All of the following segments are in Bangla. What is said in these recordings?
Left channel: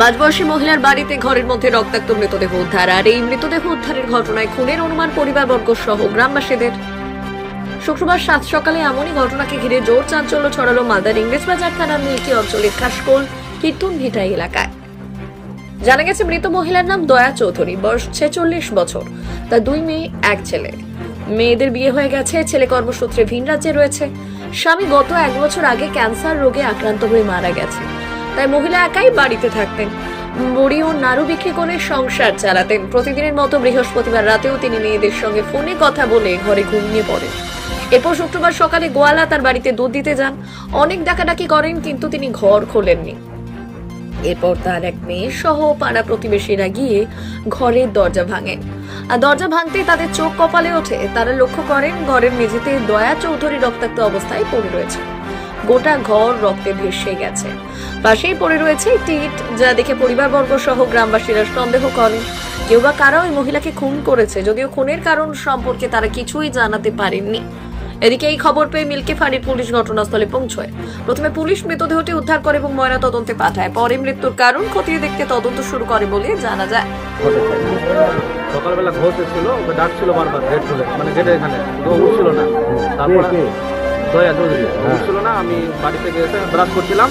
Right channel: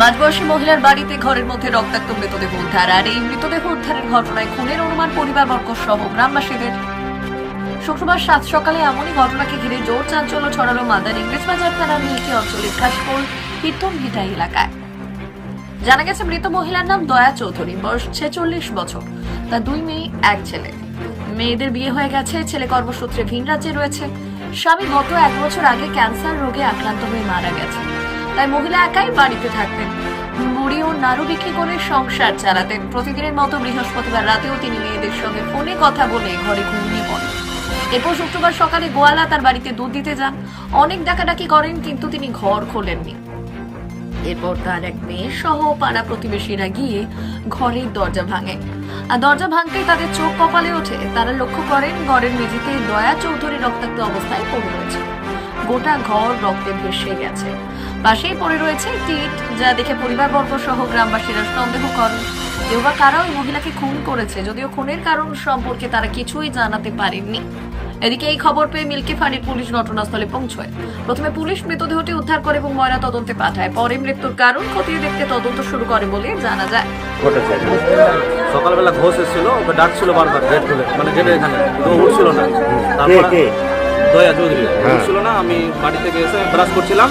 মাঝবয়সী মহিলার বাড়িতে ঘরের মধ্যে রক্তাক্ত মৃতদেহ উদ্ধার। আর এই মৃতদেহ উদ্ধারের ঘটনায় খুনের অনুমান পরিবারবর্গ সহ গ্রামবাসীদের। শুক্রবার সাত সকালে এমনই ঘটনাকে ঘিরে জোর চাঞ্চল্য ছড়ালো মালদার ইংরেজবাজার থানার মিল্কি অঞ্চলের খাসপোল কীর্তন ভিটা এলাকায়। জানা গেছে মৃত মহিলার নাম দয়া চৌধুরী, বয়স 46 বছর। তার 2 মেয়ে, 1 ছেলে। মেয়েদের বিয়ে হয়ে গেছে, ছেলে কর্মসূত্রে ভিন রাজ্যে রয়েছে। স্বামী গত 1 বছর আগে ক্যান্সার রোগে আক্রান্ত হয়ে মারা গেছে, তাই মহিলা একাই বাড়িতে থাকতেন। মুড়ি ও নাড়ু বিক্রি করে সংসার চালাতেন। প্রতিদিনের মতো বৃহস্পতিবার রাতেও তিনি মেয়েদের সঙ্গে ফোনে কথা বলে ঘরে ঘুমিয়ে পড়েন। এরপর শুক্রবার সকালে গোয়ালা তার বাড়িতে দুধ দিতে যান। অনেক ডাকাডাকি করেন, কিন্তু তিনি ঘর খোলেননি। এরপর তার এক মেয়ে সহ পাড়া প্রতিবেশীরা গিয়ে ঘরের দরজা ভাঙেন। আর দরজা ভাঙতেই তাদের চোখ কপালে ওঠে। তারা লক্ষ্য করেন ঘরের মেঝেতে দয়া চৌধুরী রক্তাক্ত অবস্থায় পড়ে রয়েছে। গোটা ঘর রক্তে ভেসে গেছে। পাশেই পড়ে রয়েছে একটি ইট, যা দেখে পরিবারবর্গ সহ গ্রামবাসীরা সন্দেহ করেন কেউ বা কারা ওই মহিলাকে খুন করেছে, যদিও খুনের কারণ সম্পর্কে তারা কিছুই জানাতে পারেননি। এদিকে এই খবর পেয়ে মিল্কি ফাঁড়ির পুলিশ ঘটনাস্থলে পৌঁছয়। প্রথমে পুলিশ মৃতদেহটি উদ্ধার করে এবং ময়না তদন্তে পাঠায়। পরে মৃত্যুর কারণ খতিয়ে দেখতে তদন্ত শুরু করে বলে জানা যায়। সকালবেলা ঘোষ এসেছিল, ওকে ডাকছিল বারবার গেট খুলে, মানে গেটের এখানে তো উঠছিল না। তারপরে দয়া চৌধুরী উঠছিল না। আমি বাড়ি থেকে এসে ব্রাশ করছিলাম,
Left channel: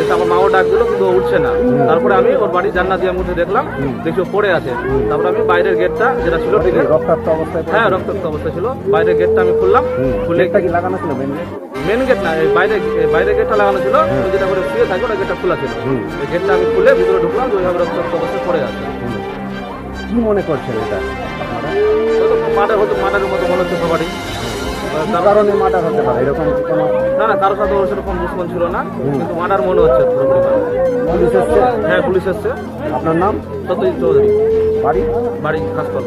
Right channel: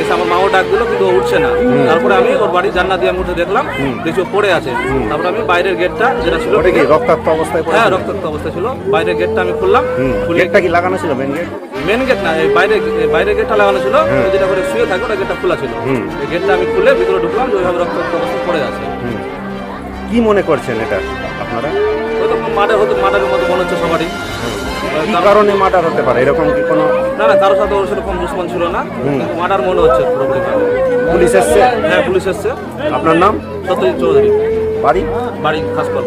এসে আমার মাও ডাক দিল, কিন্তু ও উঠছে না। তারপরে আমি ওর বাড়ি জানলা দিয়ে মধ্যে দেখলাম, দেখি ও পড়ে আছে। তারপরে আমি বাইরের গেটটা যেটা ছিল, রক্তাক্ত অবস্থায়? হ্যাঁ, রক্তাক্ত অবস্থা ছিল। বাইরের গেটটা আমি খুললাম। গেটটা কি লাগানো ছিল? মেন গেট না, এই বাইরের গেটটা লাগানো ছিল, যেটা করে শুয়ে থাকে ওটা গেটটা খোলা ছিল। এই গেটটা আমি খুলে ভিতরে ঢুকলাম, ওইভাবে রক্তাক্ত অবস্থায় পড়ে আছে। কি মনে করছেন এটা আপনারা? মার্ডারের মতো মনে হচ্ছে সবারই। কি কারণে মার্ডার হতে পারে? এরকম কি কোনো? না, কারোর সাথে ওর সেরকম দুশ্মন ছিল না, কিন্তু মার্ডার মনে হচ্ছে পুরোপুরি। পুলিশ এসছে? হ্যাঁ, পুলিশ এসছে। আপনার নাম? সত্যজিৎ চৌধুরী। বাড়ি? বাড়ি খাসপাল।